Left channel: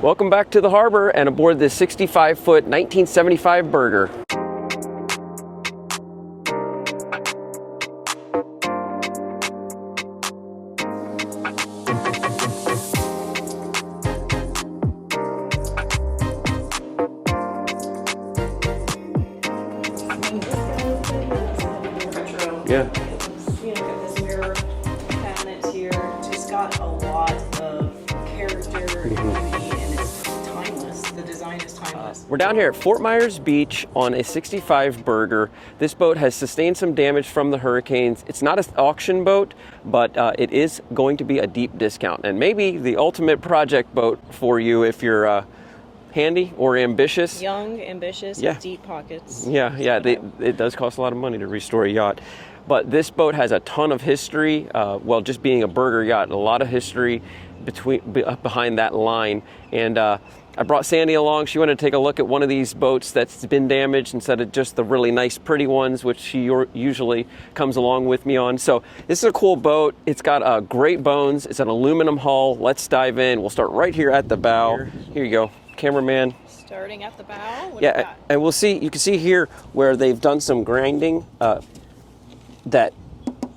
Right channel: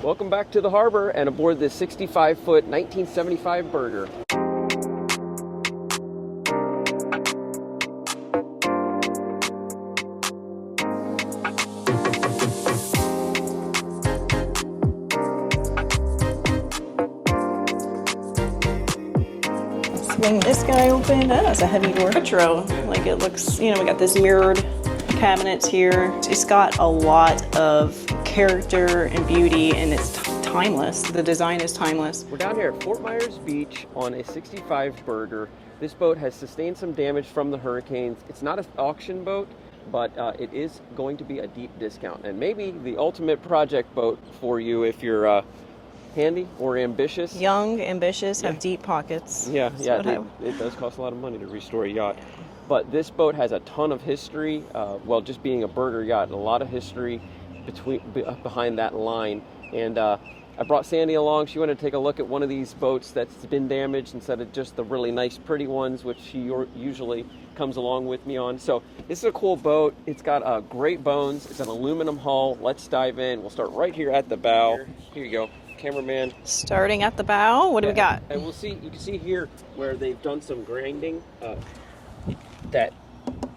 Welcome back to the harbor and aboard this 65-foot 1975 Burger. Swing this guy open. Oh, that's a heavy door. Retro. Yeah. Like it looks, you know, we got this mirrored cabinets here. It's got a lot of character and beauty, and it's timeless. The design is timeless. We're down here at Fort Myers Beach on a 65 Burger. This boat has sustained some damage from the hurricanes. It's not an auction boat, but it is going to be a deep discount, and maybe the ultimate project boat for you if you're handy or ambitious. Young, ambitious, Yeah. with deep pockets. Yeah, it does cost a lot of money to restore a yacht. But this boat has a ton of history. Well, just being a burger yacht, a lot of history behind that line. And I brought Sandy along. She wanted to take a look at one of these boats that's been damaged instead of just the really nice, pretty ones, which she usually comes along with me on. So this is a cool boat. It's got great bones. It's an aluminum hull. Let's dive in. We'll start right here at the bow. Here you go, cameraman. Starting at the bow, what do you got? And we'll see, you can see here where they've done some grinding, that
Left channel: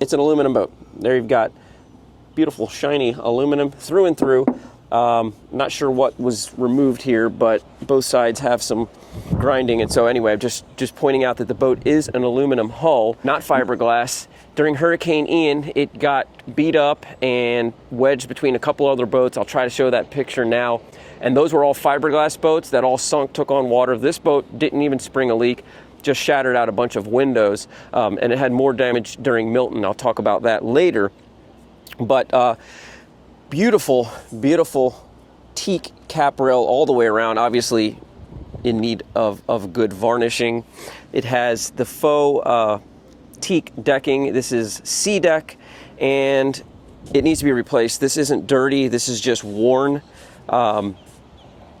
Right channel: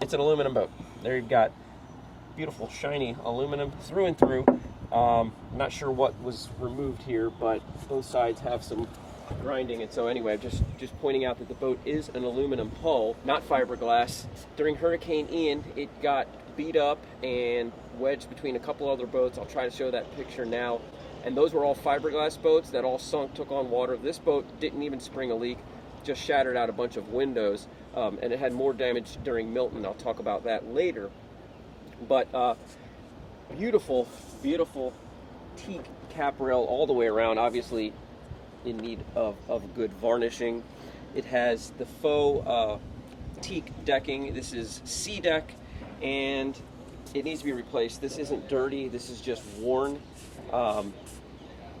it's an aluminum boat. There you've got beautiful shiny aluminum through and through. Not sure what was removed here, but both sides have some grinding. And so anyway, I'm just pointing out that the boat is an aluminum hull, not fiberglass. During Hurricane Ian, it got beat up and wedged between a couple other boats. I'll try to show that picture now. And those were all fiberglass boats that all sunk, took on water. This boat didn't even spring a leak, just shattered out a bunch of windows. And it had more damage during Milton. I'll talk about that later. But beautiful, beautiful teak cap rail all the way around, obviously in need of good varnishing. It has the faux teak decking. This is sea deck, and it needs to be replaced. This isn't dirty, this is just worn.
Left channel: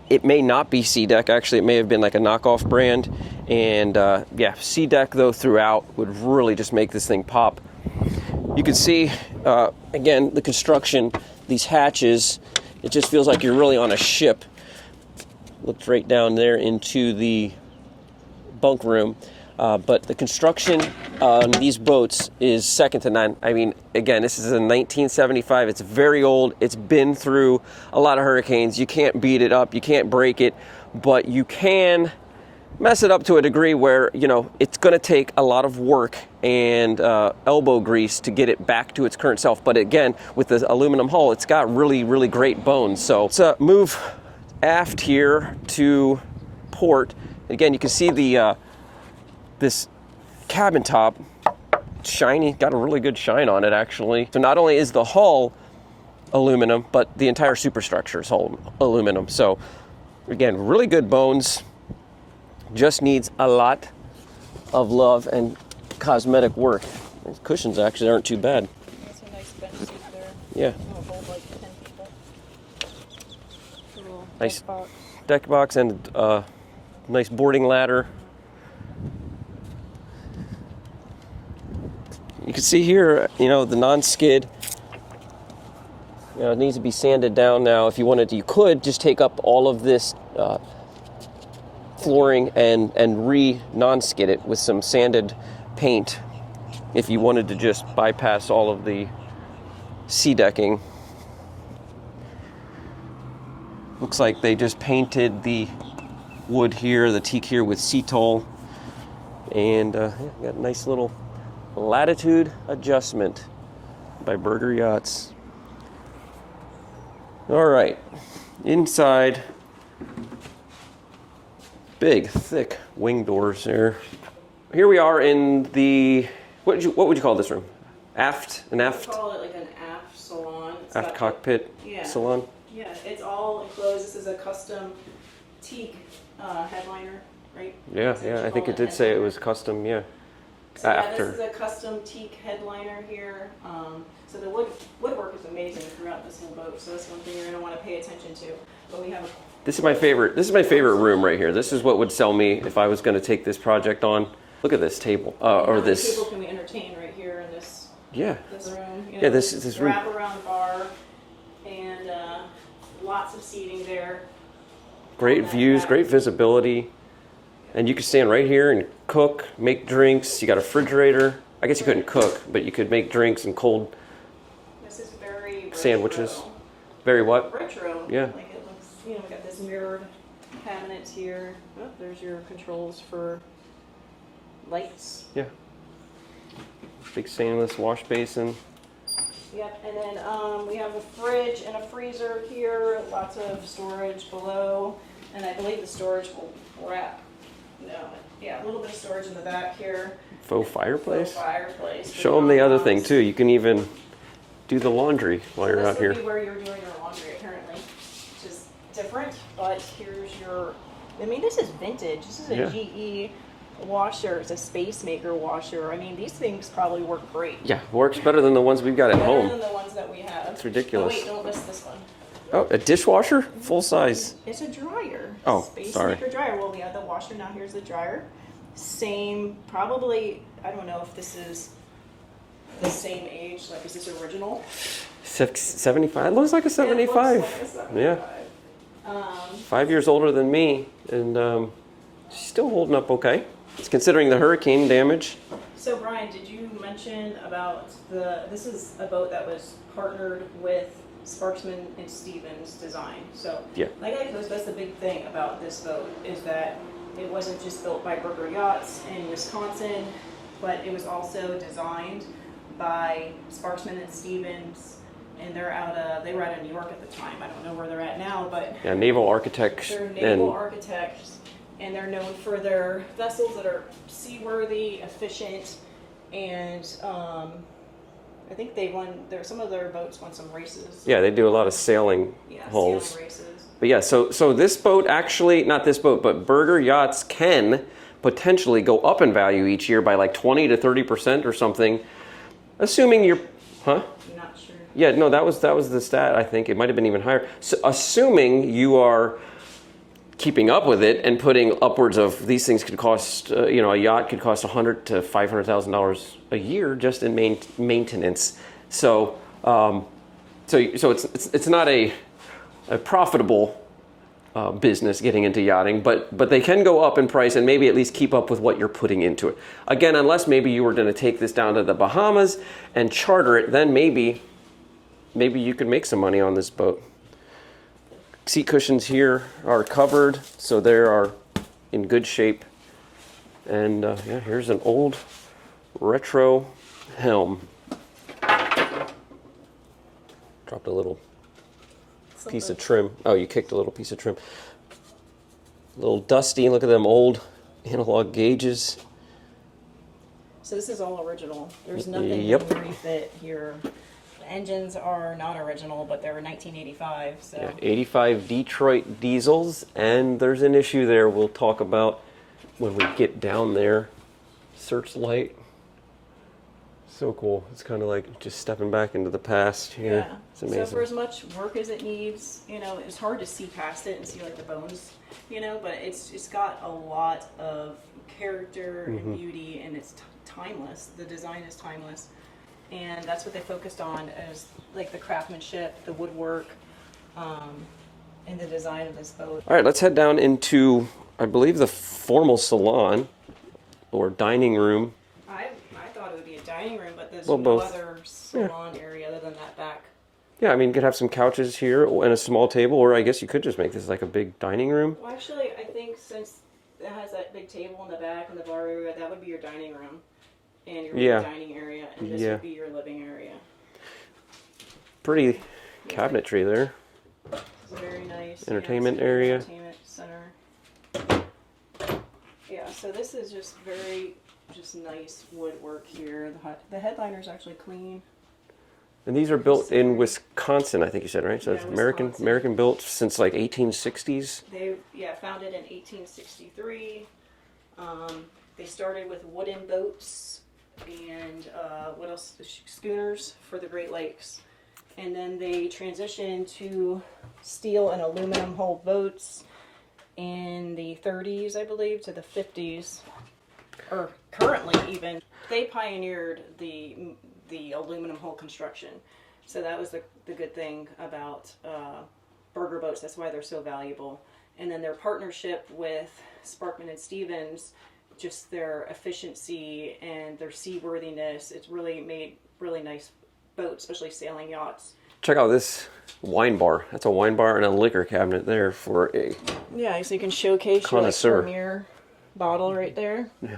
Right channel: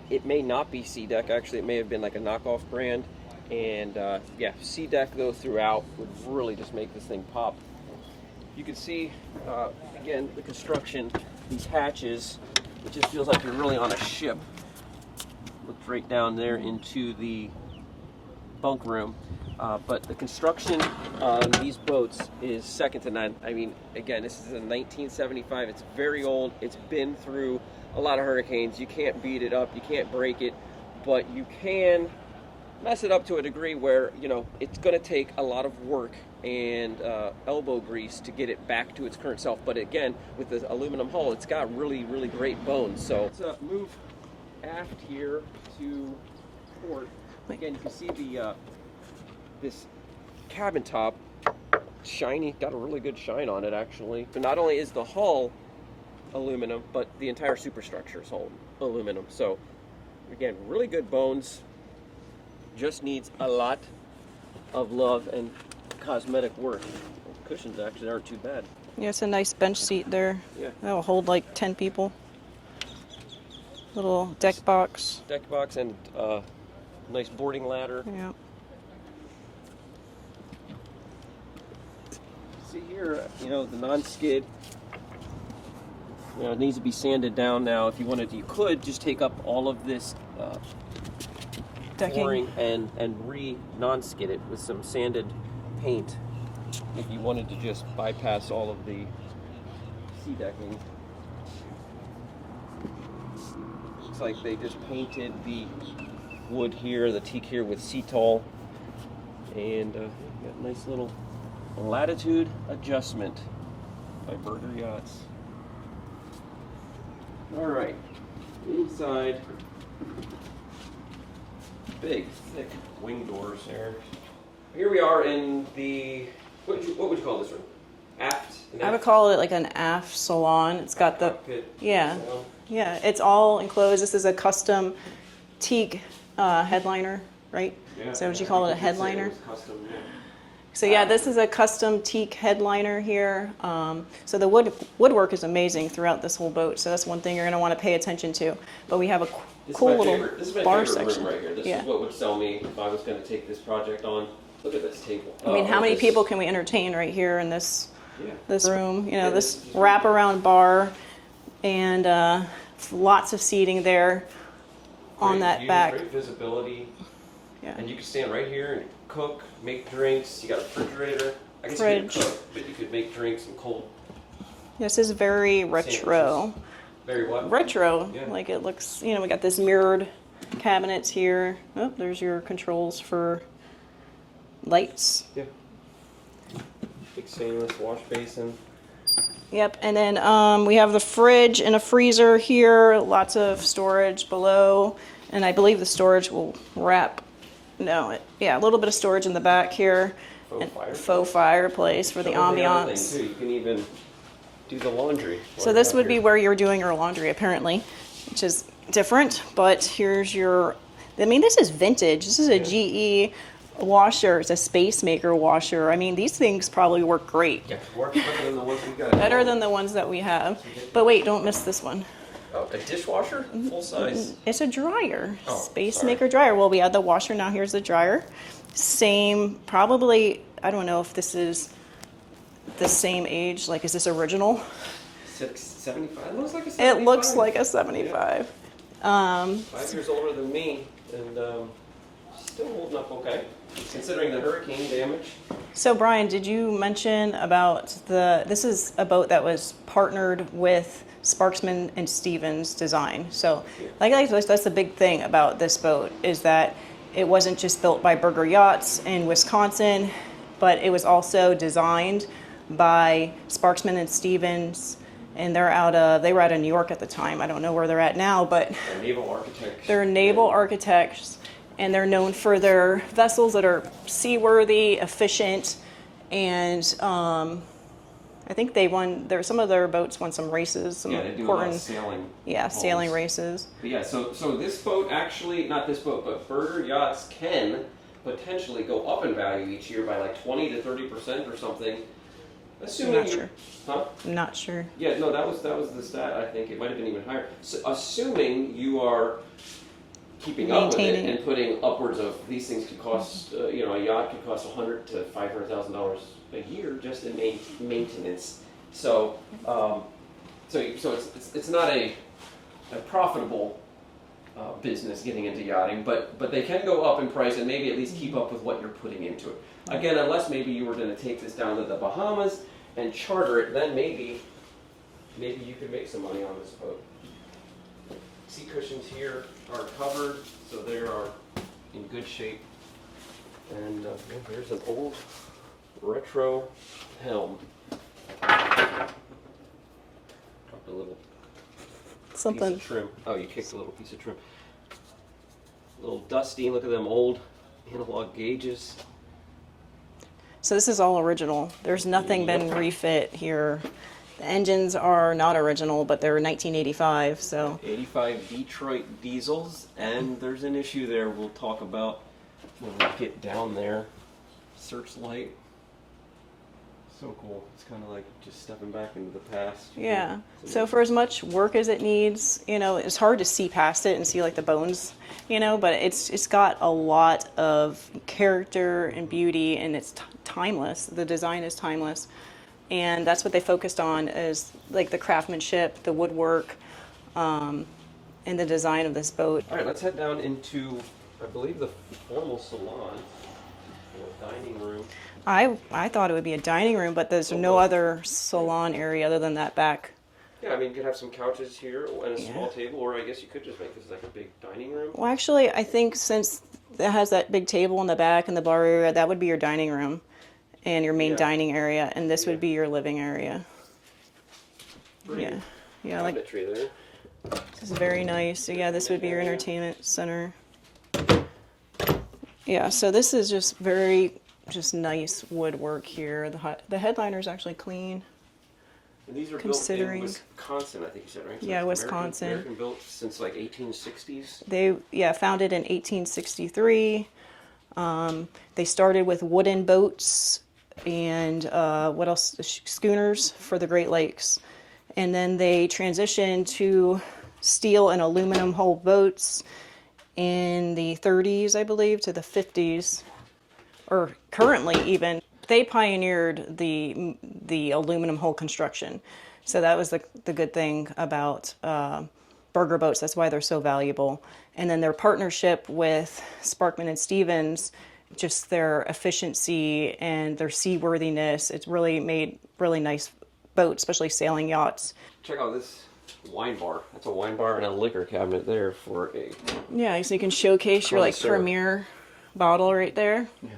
It may not be sea deck, actually it may have been like a knockoff brand. And yeah, sea deck though throughout would really just make this thing pop. You can see, again, the construction, these hatches, it just feels like you're really on a ship. Looked right down there into the bunk room. But the construction on these boats is second to none. I mean, again, this is a 1975. It's very old. It's been through a lot of hurricanes. You can't beat it up. You can't break it. But you can mess it up to a degree where, you know, it's going to take a lot of work and elbow grease to get it back to its current self. But again, with the aluminum hull, it's got really, really great bones. So let's move aft here to port. Again, you can see the this cabin top, shiny, got a really good shine on it actually. So not only is the hull aluminum, but the entire superstructure is aluminum. So again, really good bones. Just needs a lot of love and cosmetic work. The cushions actually aren't too bad. Yeah, it's a nice bench seat there. Yeah. That'll hold like 10 people. Little deck box. Deck box and nice boarding ladder. Yeah. You can see here, you know, the non-skid. You know, it needs to be sanded down now. If you wanted to, you could just take up all of this flooring and non-skid it with some sanded paint if you wanted to just bypass all of the sea decking. Looks like they just painted the wood here, the teak here with Cetol, and got a nice little latitude adjustment by Burger Yachts. All right, inside, big, thick wing doors there. Here we are in the, what would you call this room? Aft? I would call it like an aft salon. It's got the cockpit salon? Yeah, it's all enclosed. This is a custom teak headliner, right? Yeah, Is that what you I call think it did say it was custom, yeah. So yeah, this is a custom teak headliner here. So the woodwork is amazing throughout this whole boat. So that's one thing you're going to want to pay attention to. But we have a This is my favorite. This is my favorite room section right here. This is what would sell me if I was going to take this project on. Look at this table. I mean, how many people can we entertain right here in this this room? You know, this wraparound bar, and lots of seating there. Great that views, back. great visibility. Yeah. And you can stand right here and cook, make drinks. You got a refrigerator. I guess you couldn't Fridge. cook, but you could make drinks and cold This is very retro. sandwiches. Very what? Retro. Yeah. Like it looks, you know, we got this mirrored cabinets here. Oh, there's your controls for lights. Yeah. Big stainless wash basin. Yep, and then we have the fridge and a freezer here, lots of storage below, and I believe the storage will wrap, yeah, a little bit of storage in the back here. Faux fireplace. Faux fireplace for Show them the other ambiance. thing too. You can even do the laundry while So you're this out would here. be where you're doing your laundry apparently, which is different, but here's your, I mean, this is vintage. This is a GE washer. It's a Space Maker washer. I mean, these things probably work great. Yeah, works better than the ones we've got at home. Better than the ones that we have. It's ridiculous. But wait, don't miss this one. Oh, a dishwasher? Full size. It's a dryer. Oh, Space sorry. Maker dryer. Well, we had the washer, now here's the dryer. Same, probably, I don't know if this is the same age. Like, is this original? 75? Looks like a 75. It looks like a 75. 5 years older than me, and she's still holding up okay. Considering the hurricane damage. So, Brian, did you mention about this is a boat that was partnered with Sparksman and Stevens Design. So, Yeah. that's the big thing about this boat is that it wasn't just built by Berger Yachts in Wisconsin, but it was also designed by Sparksman and Stevens, and they were out of New York at the time. I don't know where they're at now, but Yeah, naval architects. they're naval and- architects, and they're known for their vessels that are seaworthy, efficient, and I think some of their boats won some races. Yeah, they do a lot of Or- sailing. Yeah, hulls. sailing races. But yeah, so this boat actually, not this boat, but Berger Yachts can potentially go up in value each year by like 20 to 30% or something, assuming Not you're, sure. huh? I'm not sure. Yeah, no, that was the stat. I think it might have been even higher. So, assuming you are keeping up with it Maintaining. and putting upwards of these things could cost, a yacht could cost $100,000 to $500,000 a year just in maintenance. So, so it's not a profitable business getting into yachting, but they can go up in price and maybe at least keep up with what you're putting into it. Again, unless maybe you were going to take this down to the Bahamas and charter it, then maybe you could make some money on this boat. Seat cushions here are covered, so they are in good shape. And yeah, here's an old retro helm. Dropped a little piece of trim. Oh, you kicked a little piece of trim. A little dusty. Look at them old analog gauges. So this is all original. There's nothing Yep. been refit here. The engines are not original, but they're 1985. So 85 Detroit diesels, and there's an issue there we'll talk about when we get down there. Searchlight. So cool. It's kind of like just stepping back into the past. here. yeah. It's So amazing. for as much work as it needs, it's hard to see past it and see like the bones, but it's got a lot of character and beauty, and it's timeless. The design is timeless. And that's what they focused on is like the craftsmanship, the woodwork, and the design of this boat. All right, let's head down into, I believe, the formal salon or dining room. I thought it would be a dining room, but there's Well, no both. other salon area other than that back. Yeah, I mean, you could have some couches here and a small table, or I guess you could just make this like a big dining room. Well, actually, I think since it has that big table in the back and the bar area, that would be your dining room and your main Yeah. dining area, and this Yeah. would be your living area. Pretty Yeah, like- cabinetry there. This is very nice. So yeah, this Entertainment would be your area. entertainment center. Yeah, so this is just very nice woodwork here. The headliner is actually clean. And these are built in Considering- Wisconsin, I think you said, right? So Yeah, it's Wisconsin. American built since like 1860s. They founded in 1863. They started with wooden boats and what else? Schooners for the Great Lakes, and then they transitioned to steel and aluminum hull boats in the 30s, I believe, to the 50s, or currently even. They pioneered the aluminum hull construction, so that was the good thing about burger boats. That's why they're so valuable. And then their partnership with Sparkman and Stevens, just their efficiency and their seaworthiness, it's really made really nice boats, especially sailing yachts. Check out this wine bar. That's a wine bar and a liquor cabinet there for a... Yeah, so you can showcase your like Connoisseur. premier bottle right there. Yeah,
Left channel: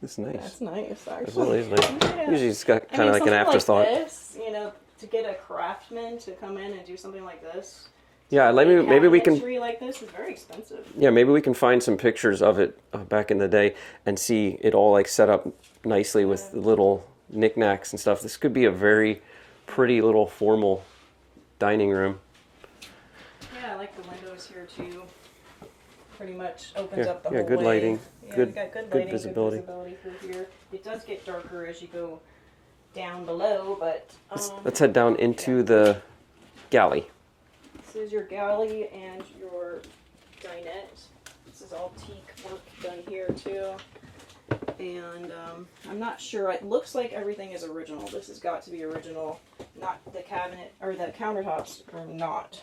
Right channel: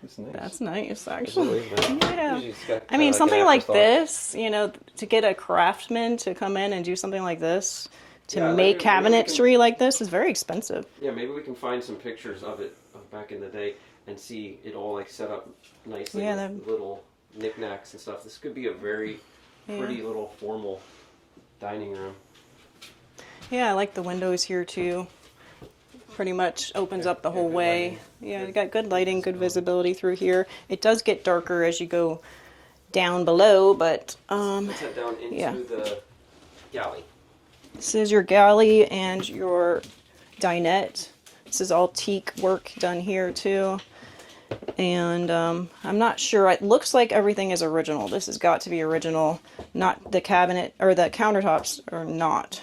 that's nice. That's nice, It actually. really is nice. Yeah. Usually it's got I kind mean, of like an something like afterthought. this, you know, to get a craftsman to come in and do something like this, to Yeah, make maybe we can- cabinetry like this is very expensive. Yeah, maybe we can find some pictures of it back in the day and see it all like set up nicely Yeah, with that'd- the little knickknacks and stuff. This could be a very pretty little formal dining room. Yeah, I like the windows here too. Pretty much opens Yeah, up the yeah, whole good way. lighting, Yeah, good- we got good good lighting, good visibility. visibility through here. It does get darker as you go down below, but Let's head down into yeah. the galley. this is your galley and your dinette. This is all teak work done here too. And I'm not sure. It looks like everything is original. This has got to be original. Not the cabinet or the countertops are not.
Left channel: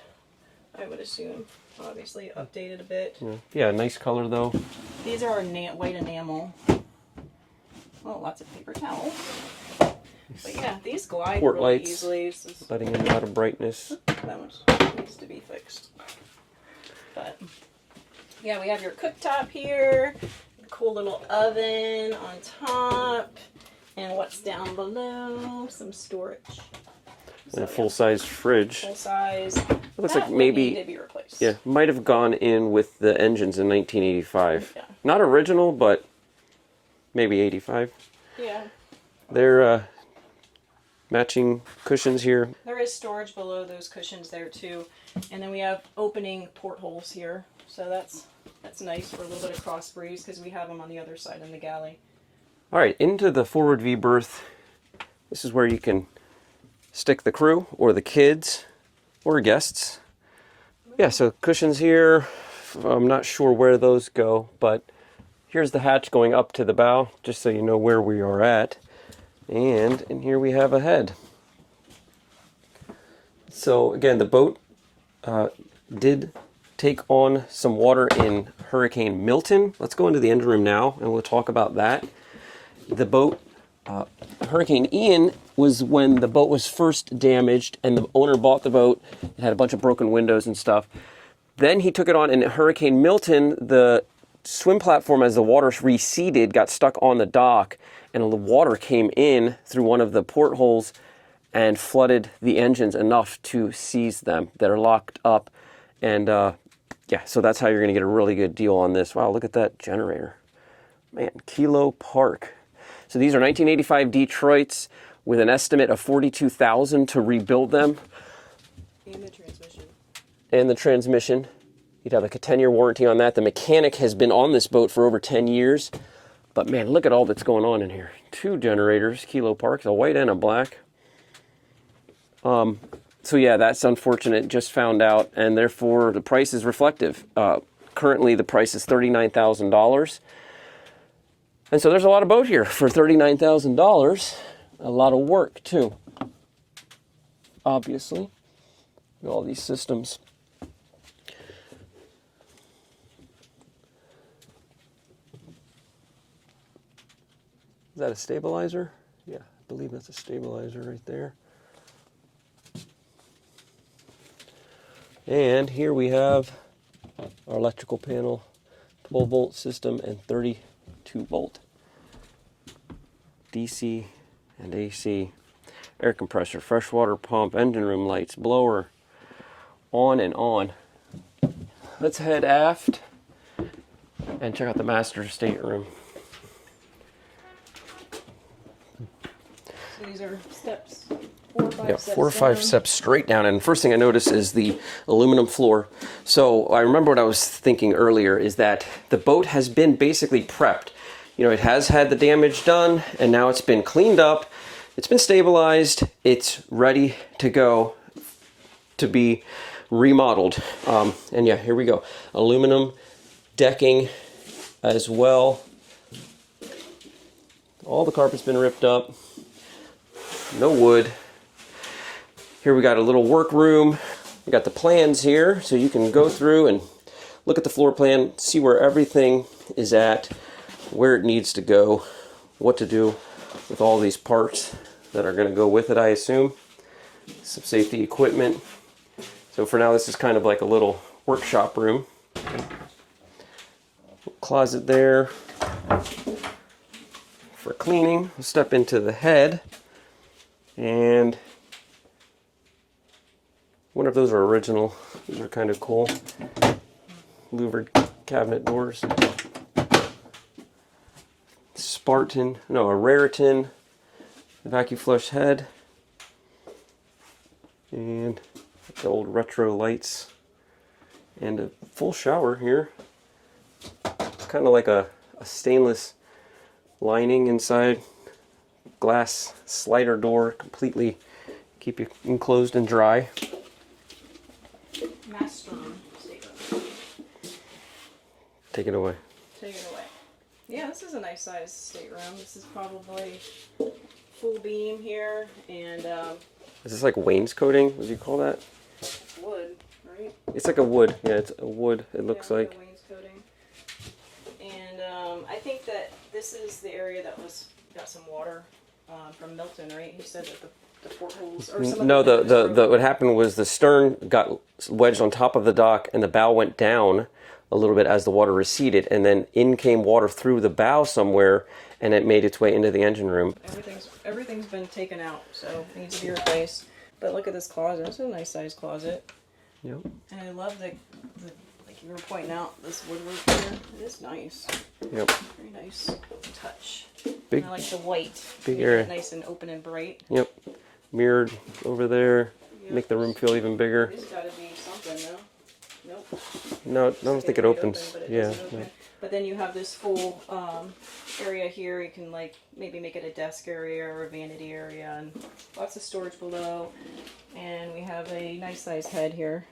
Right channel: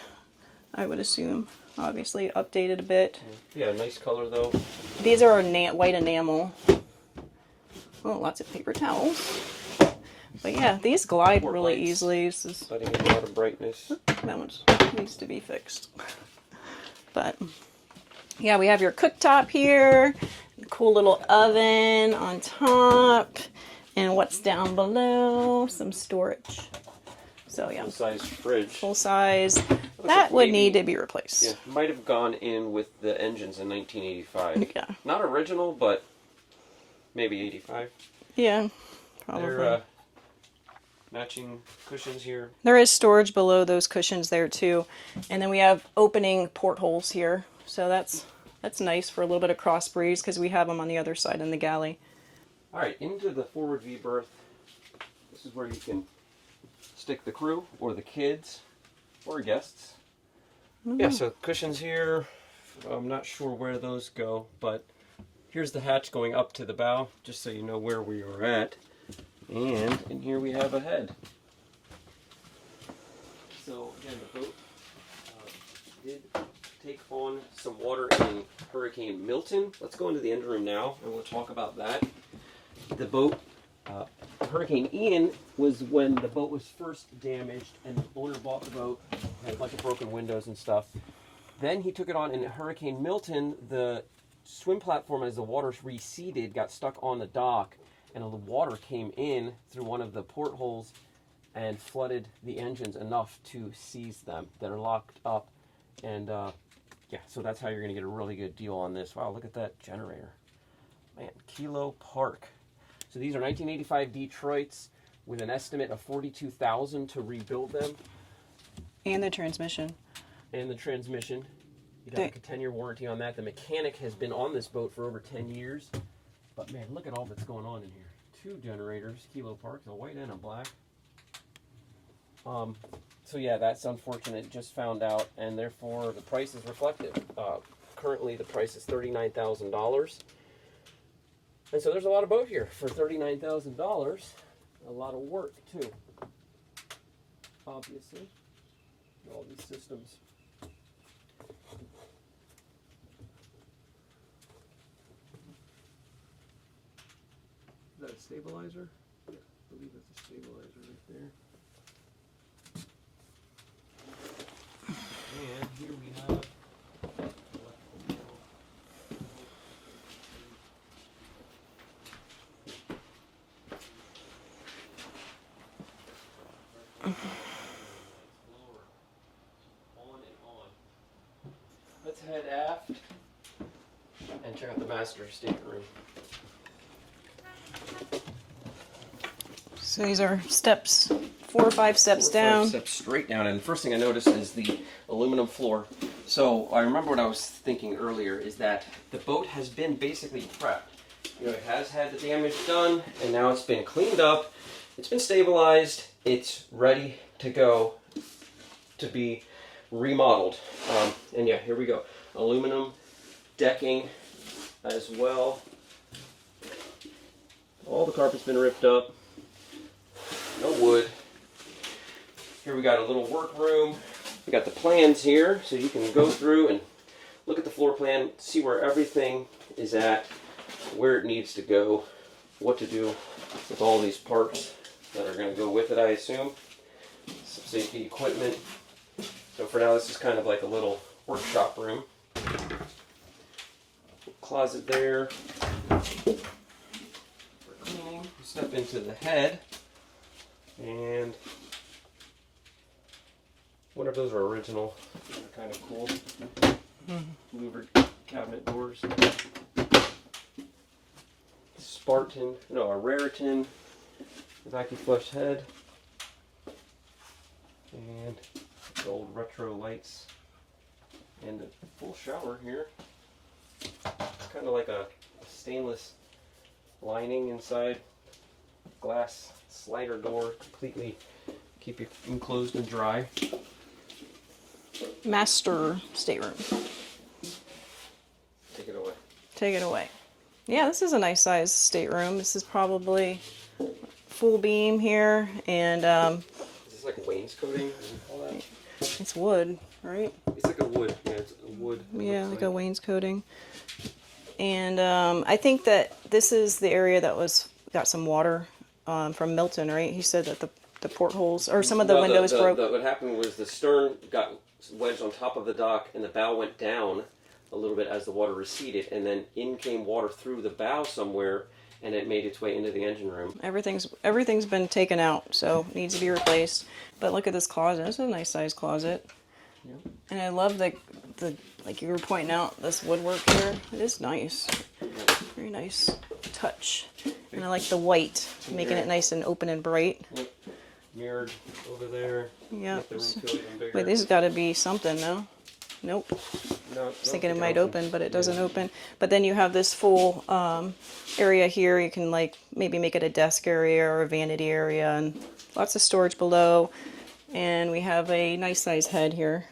I would assume. Obviously updated a bit. Yeah, nice color though. These are white enamel. Oh, lots of paper towels. But yeah, these glide Port really lights. easily. This is, Letting in a lot of brightness. that one needs to be fixed. But yeah, we have your cooktop here. Cool little oven on top. And what's down below? Some storage. So And a yeah, full-size fridge. full size. Looks That like would maybe- need to be replaced. Yeah, might have gone in with the engines in 1985. Yeah. Not original, but maybe 85. Yeah. They're matching cushions here. There is storage below those cushions there too. And then we have opening portholes here. So that's nice for a little bit of cross breeze because we have them on the other side in the galley. All right, into the forward V berth. This is where you can stick the crew or the kids or guests. Yeah, so cushions here. I'm not sure where those go, but here's the hatch going up to the bow, just so you know where we are at. And in here we have a head. So again, the boat did take on some water in Hurricane Milton. Let's go into the engine room now and we'll talk about that. The boat, Hurricane Ian was when the boat was first damaged and the owner bought the boat. It had a bunch of broken windows and stuff. Then he took it on in Hurricane Milton. The swim platform, as the water receded, got stuck on the dock and the water came in through one of the portholes and flooded the engines enough to seize them. They're locked up. And yeah, so that's how you're going to get a really good deal on this. Wow, look at that generator. Man, Kilo Park. So these are 1985 Detroits with an estimate of $42,000 to rebuild them. And the transmission. And the transmission. You'd have like a 10-year warranty on that. The mechanic has been on this boat for over 10 years. But man, look at all that's going on in here. 2 generators, Kilo Park, a white and a black. So yeah, that's unfortunate. Just found out, and therefore the price is reflective. Currently, the price is $39,000. And so there's a lot of boat here for $39,000. A lot of work too. Obviously, all these systems. Is that a stabilizer? Yeah, I believe that's a stabilizer right there. And here we have our electrical panel, 12-volt system and 32-volt DC and AC, air compressor, freshwater pump, engine room lights, blower, on and on. Let's head aft and check out the master stateroom. So these are steps, 4 or 5 steps 4 or down. 5 steps straight down. And the first thing I notice is the aluminum floor. So I remember what I was thinking earlier is that the boat has been basically prepped. You know, it has had the damage done and now it's been cleaned up. It's been stabilized. It's ready to go to be remodeled. And yeah, here we go. Aluminum decking as well. All the carpet's been ripped up. No wood. Here we got a little workroom We got the plans here, so you can go through and look at the floor plan, see where everything is at, where it needs to go, what to do with all these parts that are going to go with it, I assume. Some safety equipment. So for now, this is kind of like a little workshop room. Closet there for cleaning. We'll step into the head, and I wonder if those are original. These are kind of cool. Louvered cabinet doors. Spartan, no, a Raritan vacuum flush head. And the old retro lights. And a full shower here. Kind of like a stainless lining inside. Glass slider door, completely keep you enclosed and dry. Master stateroom. Take it away. Take it away. Yeah, this is a nice size stateroom. This is probably full beam here, and Is this like wainscoting, as you call that? it's wood, right? It's like a wood. Yeah, it's a wood, it Yeah, looks like like. a wainscoting. And I think that this is the area that got some water from Milton, right? He said that the portholes or some of the windows broke. What happened was the stern got wedged on top of the dock, and the bow went down a little bit as the water receded, and then in came water through the bow somewhere, and it made its way into the engine room. Everything's been taken out, so it needs to be replaced. But look at this closet. It's a nice size closet. Yep. And I love the like you were pointing out, this woodwork here. It is nice. Yep. Very nice touch. Big- And I like the white, big making area. it nice and open and bright. Yep. Mirrored over there. Yeah. Make the room feel even But bigger. this has got to be something, no? Nope. No, I I was don't thinking think it it might opens. open, but it Yeah, doesn't open. But then you have this full area here. You can like maybe make it a desk area or a vanity area, and lots of storage below. And we have a nice size head here.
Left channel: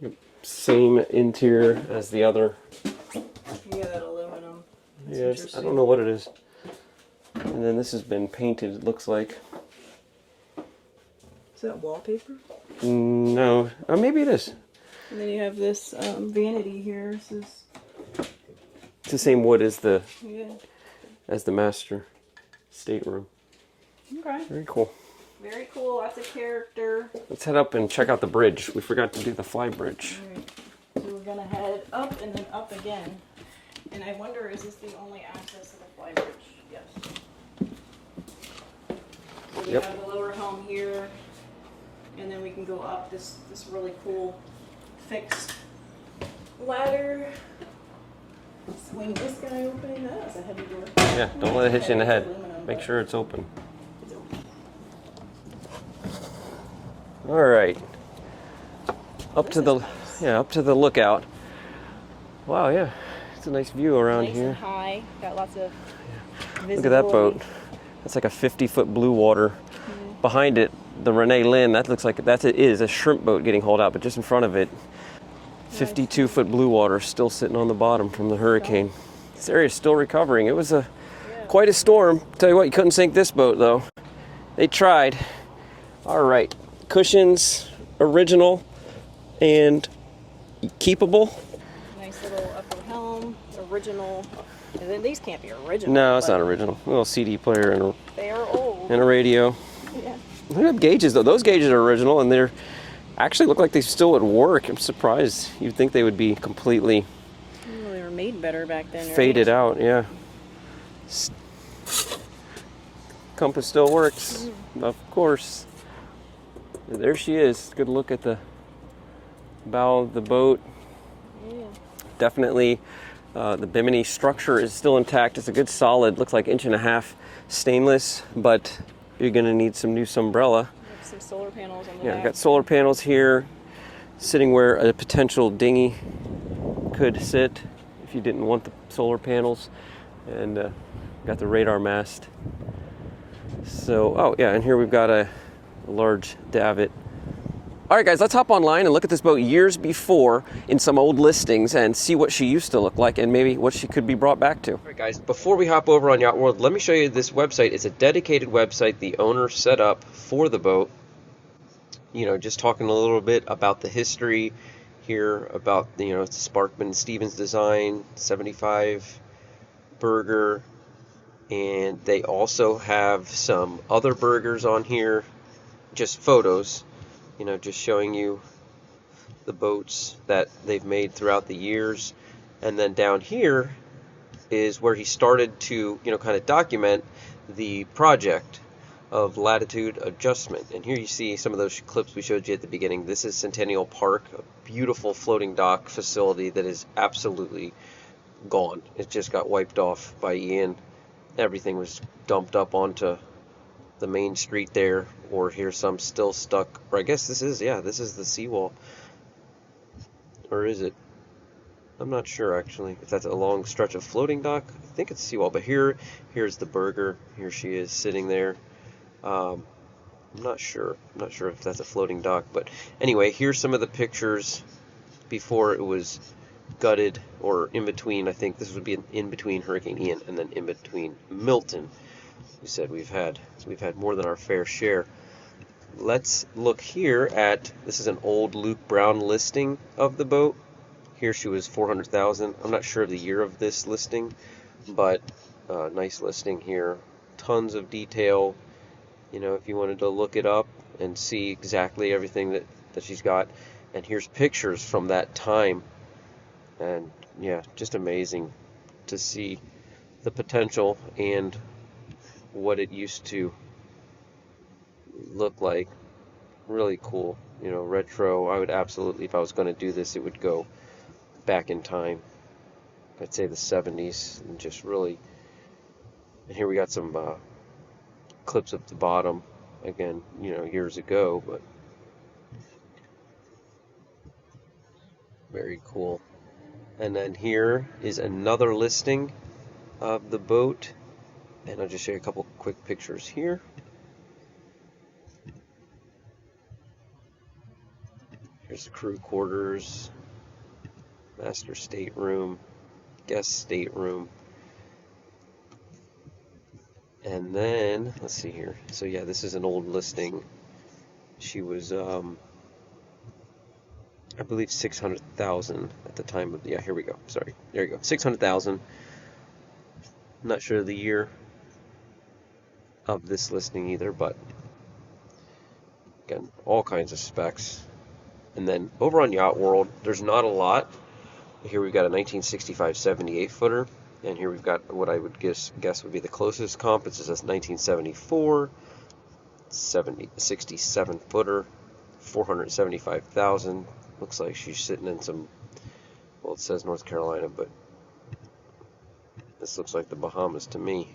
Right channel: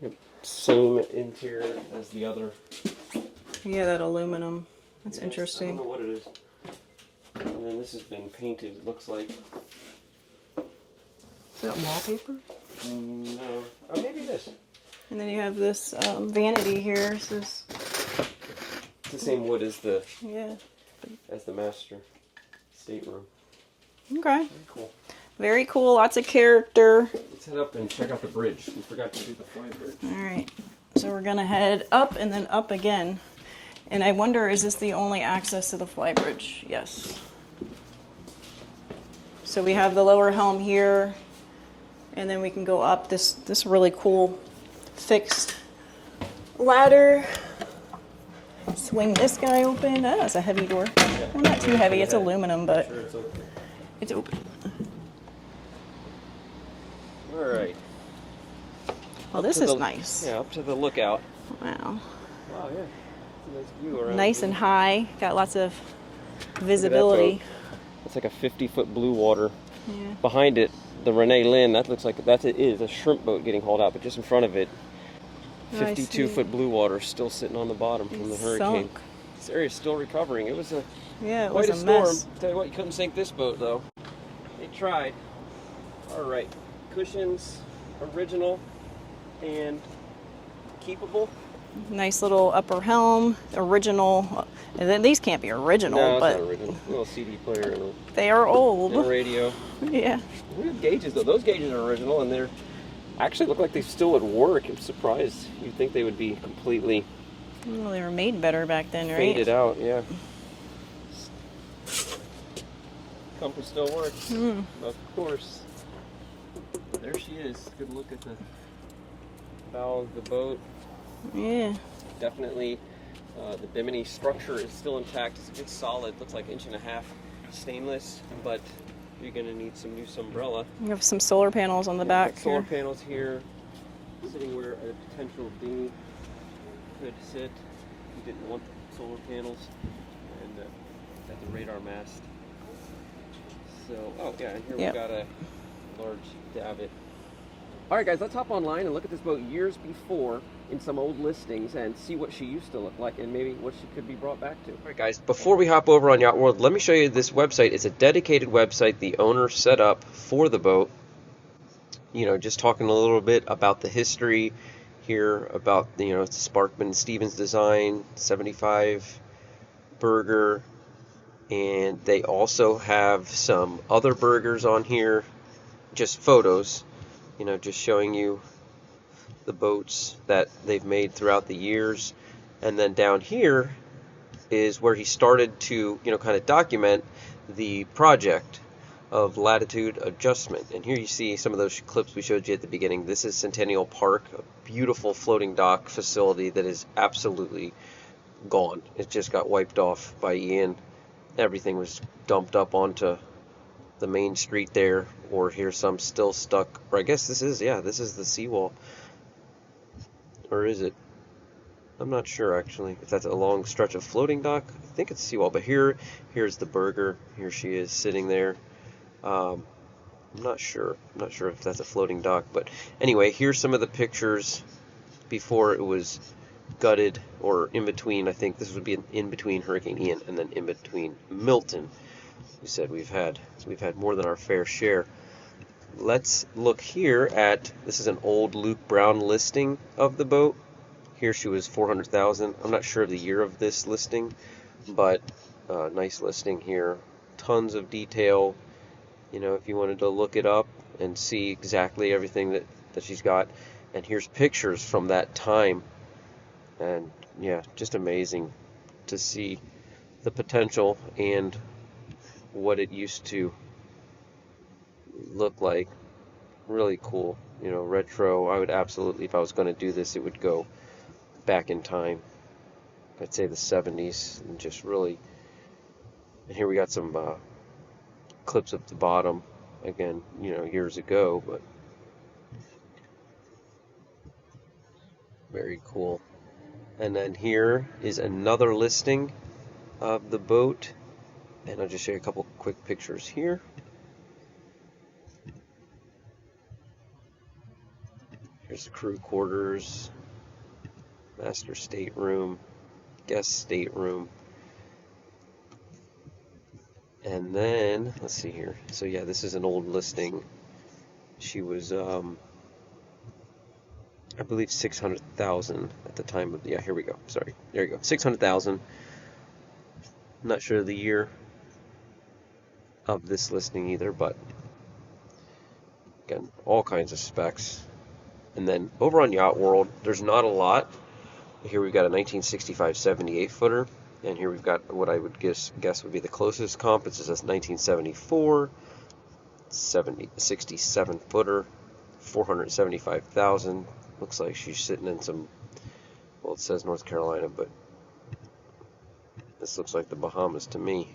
Yep. Same interior as the other. Yeah, that aluminum. That's Yes, interesting. I don't know what it is. And then this has been painted, it looks like. Is that wallpaper? No. Oh, maybe it is. And then you have this vanity here. This is, It's the same wood as the master stateroom. Okay. Very cool. Very cool. Lots of character. Let's head up and check out the bridge. We forgot to do the fly bridge. All right. So we're going to head up and then up again. And I wonder, is this the only access to the flybridge? Yes. So we have the lower helm here, and then we can go up this really cool fixed ladder. Swing this guy open. Oh, it's a heavy door. Yeah, Well, not too heavy. It's aluminum, Make but sure it's open. it's open. All right. Well, this to is the, nice. Yeah, up to the lookout. Wow. Wow, yeah. It's a nice view around Nice here. and high. Got lots of Look at that visibility. boat. It's like a 50-foot blue water. Behind it, the Renee Lynn, that looks like it is a shrimp boat getting hauled out, but just in front of it, 52-foot blue water still sitting on the bottom from the hurricane. This area is still recovering. It was quite a storm. Mess. Tell you what, you couldn't sink this boat though. They tried. All right, cushions, original and keepable. Nice little upper helm, original. And then these can't be original. No, it's but not original. A little CD player and they are old. a radio. Yeah. Look at the gauges though. Those gauges are original and they're actually look like they still would work. I'm surprised. You'd think they would be completely Well, they were made better back then, right? faded out. Yeah. Compass still works, of course. And there she is. Good look at the bow of the boat. Yeah. Definitely, the bimini structure is still intact. It's a good solid. Looks like 1.5 inch stainless, but you're gonna need some new umbrella. You have some solar panels on the Yeah, back. got solar panels here, sitting where a potential dinghy could sit if you didn't want the solar panels, and got the radar mast. So, oh yeah, and here we've got a large davit. All right, guys, let's hop online and look at this boat years before in some old listings and see what she used to look like and maybe what she could be brought back to. All right, guys, before we hop over on Yacht World, let me show you this website. It's a dedicated website the owner set up for the boat. just talking a little bit about the history here, about, it's a Sparkman Stevens design, 75 burger. And they also have some other burgers on here, just photos, just showing you the boats that they've made throughout the years. And then down here is where he started to, kind of document the project of latitude adjustment. And here you see some of those clips we showed you at the beginning. This is Centennial Park, a beautiful floating dock facility that is absolutely gone. It just got wiped off by Ian. Everything was dumped up onto the main street there, or here's some still stuck, or I guess this is the seawall. Or is it? I'm not sure actually if that's a long stretch of floating dock. I think it's seawall, but here's the burger. Here she is sitting there. I'm not sure. I'm not sure if that's a floating dock, but anyway, here's some of the pictures before it was gutted, or in between. I think this would be in between Hurricane Ian and then in between Milton. We said we've had more than our fair share. Let's look here at, this is an old Luke Brown listing of the boat. Here she was 400,000. I'm not sure of the year of this listing, but nice listing here. Tons of detail. If you wanted to look it up and see exactly everything that she's got. And here's pictures from that time. And yeah, just amazing to see the potential and what it used to look like. Really cool. Retro. I would absolutely, if I was going to do this, it would go back in time. I'd say the 70s, and just really. And here we got some clips at the bottom, again, years ago, but very cool. And then here is another listing of the boat, and I'll just show you a couple quick pictures here. Here's the crew quarters, master stateroom, guest stateroom. And then, let's see here. So yeah, this is an old listing. She was, I believe 600,000 at the time of, yeah, here we go. Sorry, there you go. 600,000. Not sure the year of this listing either, but again, all kinds of specs. And then over on Yacht World, there's not a lot. Here we've got a 1965 78 footer, and here we've got what I would guess would be the closest comp. It's just a 1974 67 footer, 475,000. Looks like she's sitting in some, well, it says North Carolina, but this looks like the Bahamas to me.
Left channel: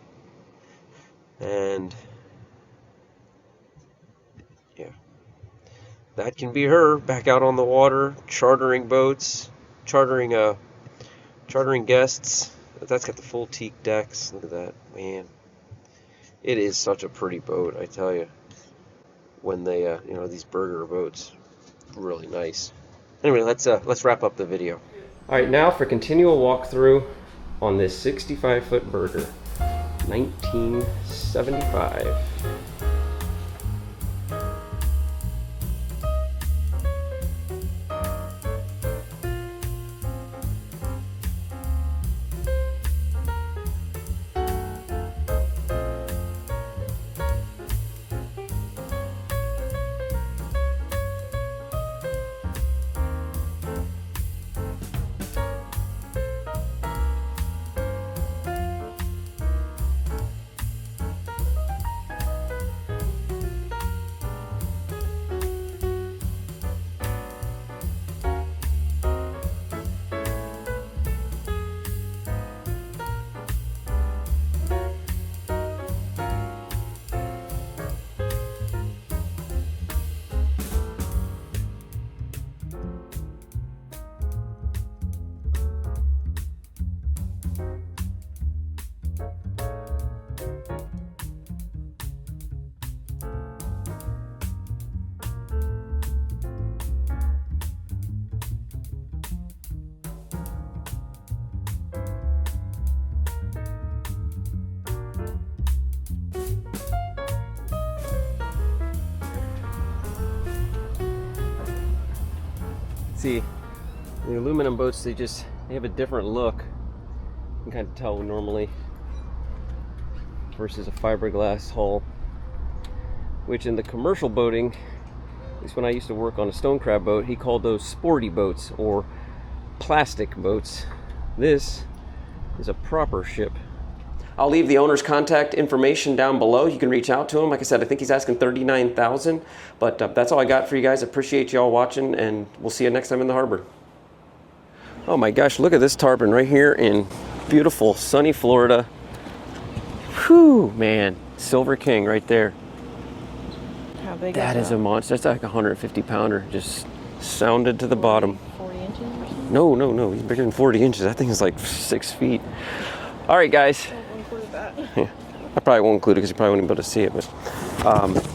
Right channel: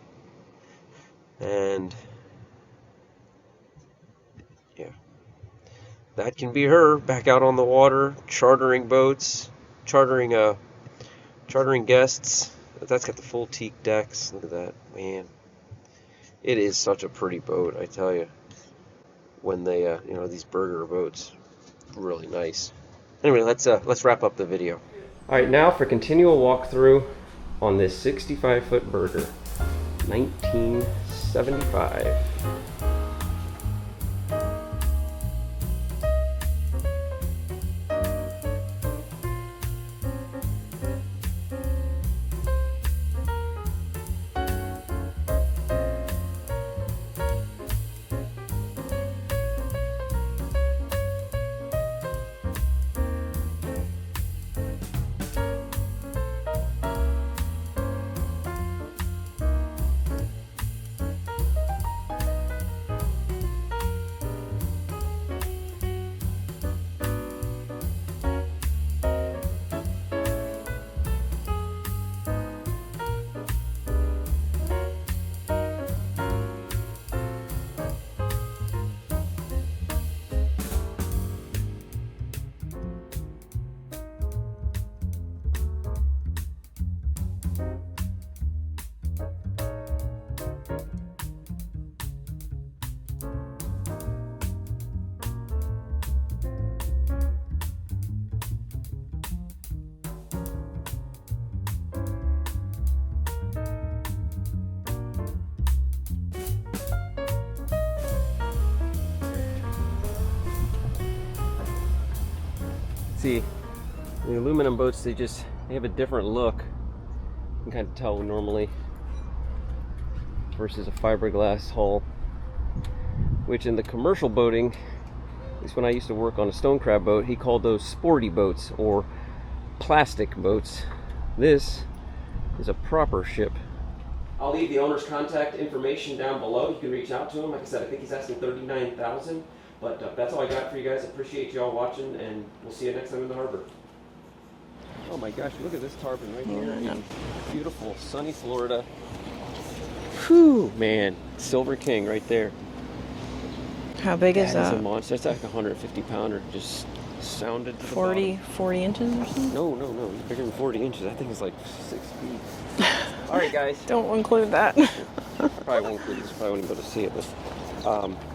And yeah, that can be her back out on the water, chartering boats, chartering guests. That's got the full teak decks. Look at that, man. It is such a pretty boat, I tell you. When they, these burger boats, really nice. Anyway, let's wrap up the video. All right, now for continual walkthrough on this 65-foot burger, 1975. See, the aluminum boats, they have a different look. You can kind of tell normally versus a fiberglass hull, which in the commercial boating, at least when I used to work on a stone crab boat, he called those sporty boats or plastic boats. This is a proper ship. I'll leave the owner's contact information down below. You can reach out to him. Like I said, I think he's asking $39,000, but that's all I got for you guys. Appreciate you all watching, and we'll see you next time in the harbor. Oh my gosh, look at this tarpon right here in beautiful sunny Florida. Whew, man, Silver King right there. How big is that? That is a monster. It's like a 150 pounder, just sounded to the bottom. 40 inches or something? No, bigger than 40 inches. That thing is like 6 feet. All right, guys. Don't include that. I probably won't include it because you probably won't be able to see it. But